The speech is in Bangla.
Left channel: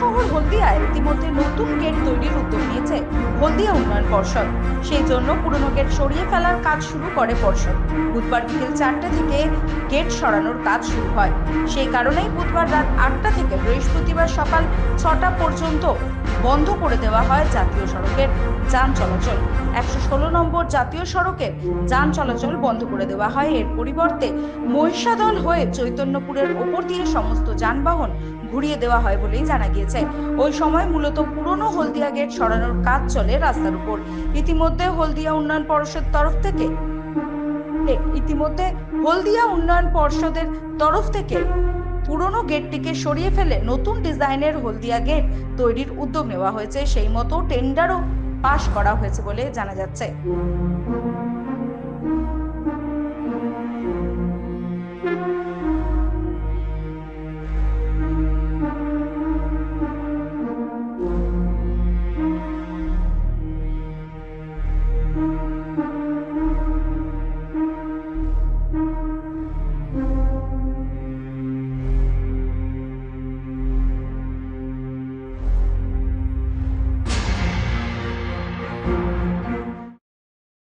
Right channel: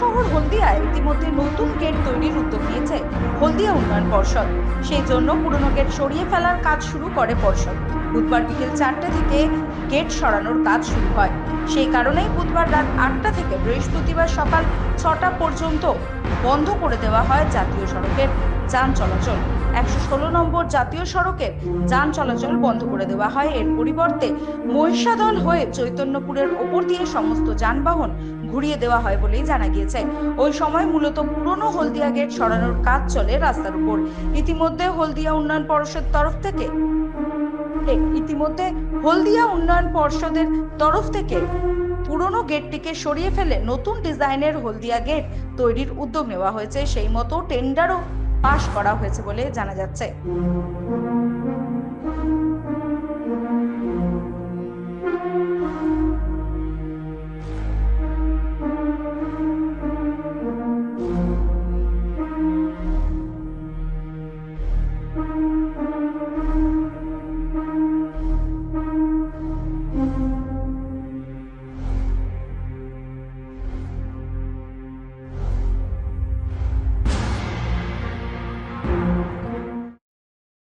শহর হলদিয়ায় ইতিমধ্যে নতুন গেট তৈরির উদ্যোগ নিয়েছে হলদিয়া উন্নয়ন পর্ষদ। সেই জন্য পুরনো গেট সরিয়ে ফেলার কাজ শুরু করে পর্ষদ। বুধবার বিকেল 4টে থেকে গেট সরানোর কাজ শুরু হয়। সেই কারণেই বুধবার রাত 8টা থেকে বৃহস্পতিবার সকাল 6টা পর্যন্ত বন্ধ করে দেওয়া হয় জাতীয় সড়কের যান চলাচল। 116 নম্বর জাতীয় সড়কের যান চলাচল বন্ধ করে দেওয়া হয়। এর পরিবর্তে মহিষাদল হয়ে চৈতন্যপুরের ওপর দিয়ে সমস্ত যানবাহন ঘুরিয়ে দেওয়া হয় বলেই জানা গিয়েছে। ওই সময় মূলত পুরনো হলদিয়া গেট সরানোর কাজ চলে রাস্তার উপর। ইতিমধ্যে হলদিয়া উন্নয়ন পর্ষদের তরফ থেকে পুরনো গেটটিকে সরিয়ে ফেলে নতুন ডিজাইনের হলদিয়া গেট তৈরির উদ্যোগ নেওয়া হয়েছে। সেই মতো টেন্ডারও পাশ করা হয়েছে বলে জানা যাচ্ছে।